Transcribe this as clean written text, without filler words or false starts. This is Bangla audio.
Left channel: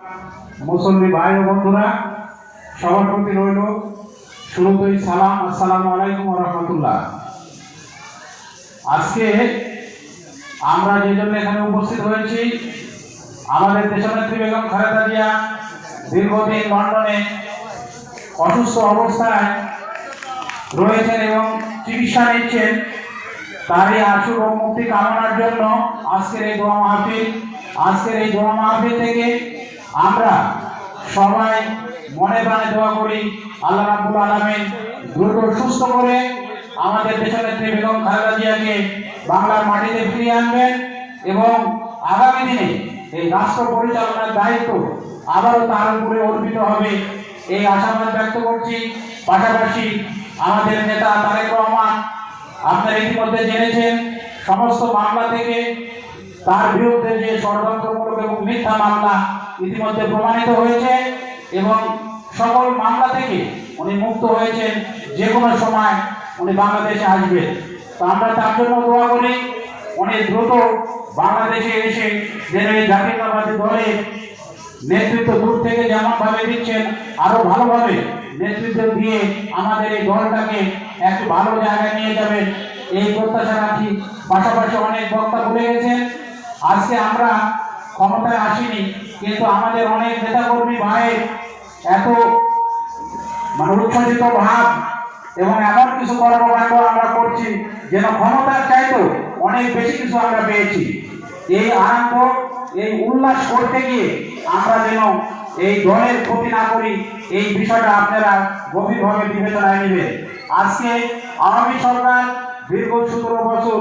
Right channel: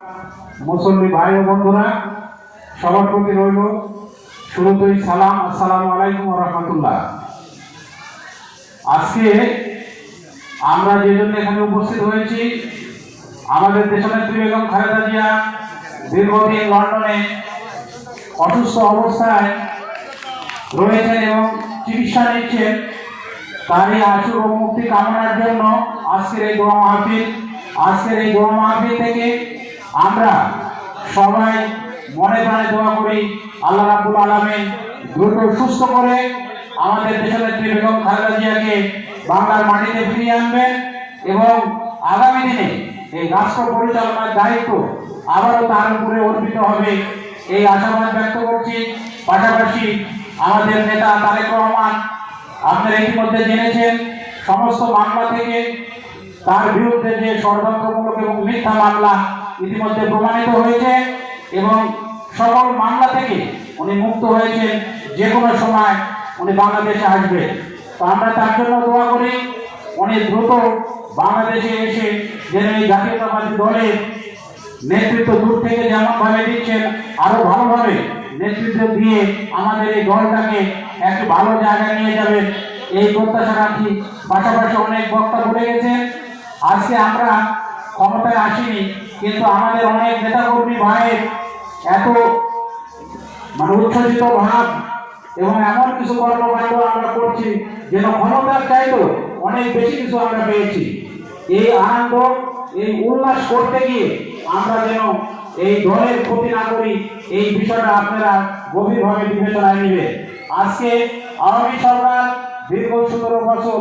মুসল্লি ভাই ও বন্ধুরা, সবার প্রতি রইল শুরুতেই সালাম। আসসালামু আলাইকুম ওয়া রাহমাতুল্লাহ। আজকে আমরা যে জন্য এখানে উপস্থিত হয়েছি, আমাদের দেশনেত্রী বেগম খালেদা জিয়া দীর্ঘদিন লন্ডনে অসুস্থ অবস্থায় রয়েছেন এবং চিকিৎসা নিচ্ছেন। তারই আশু রোগ মুক্তি কামনার জন্য আজকের এই দোয়া মাহফিল থেকে আমরা সবাই মনে প্রাণে দোয়া করি আল্লাহ রাব্বুল আলামিন দ্রুত সুস্থ করে আমাদের দেশনেত্রী বেগম খালেদা জিয়াকে বাংলার মাটিতে ফিরিয়ে আনবেন এবং আগামী দিনে এই রাষ্ট্র পরিচালনার দায়িত্ব আবারও তার উপরে অর্পিত হবে, এই আশাবাদ ব্যক্ত করছি। পাশাপাশি আমাদের নেতা তারেক রহমান, আপনারা ইতিমধ্যে জেনেছেন, সমস্ত মামলা থেকে তার বিরুদ্ধে যে ষড়যন্ত্রমূলক এবং মিথ্যা মামলা ইতিমধ্যে প্রমাণিত হয়েছে এবং সকল মামলা থেকে উনি মুক্ত হয়েছেন। যে কোনো সময় উনি বাংলাদেশে আসবেন, তো আমরা তার জন্য দোয়া করি উনি দ্রুত বাংলাদেশে এসে যেন এই জাতীয়তাবাদী দলের নেতৃত্ব দূর থেকে যেমন ভাবে দিচ্ছেন আরো ভালোভাবে নেতৃত্ব দিয়ে আমাদের এই দলটাকে একটু ভালো জায়গায় নিয়ে যাবেন, এই প্রত্যাশা রাখি। পাশাপাশি অনেক বক্তা বলে গেছেন, আজকে আমরা ক্ষমতায় আসিনি, কিন্তু আমাদের অনেক নেতাকর্মী ভাইয়ের এত উচ্ছ্বসিত ভাব এবং এমন কিছু কর্মকাণ্ড আমরা করছি যেন ক্ষমতার চাইতেও অনেক বেশি কিছু আমরা পেয়েছি। এই আনন্দ, এই উল্লাস করতে গিয়ে আমরা যেন এই দলের ক্ষতি না করি, এই বিষয়টা আপনারা গভীরভাবে বিবেচনায় নেবেন। আজকে আওয়ামী সরকার দীর্ঘ 17 বছর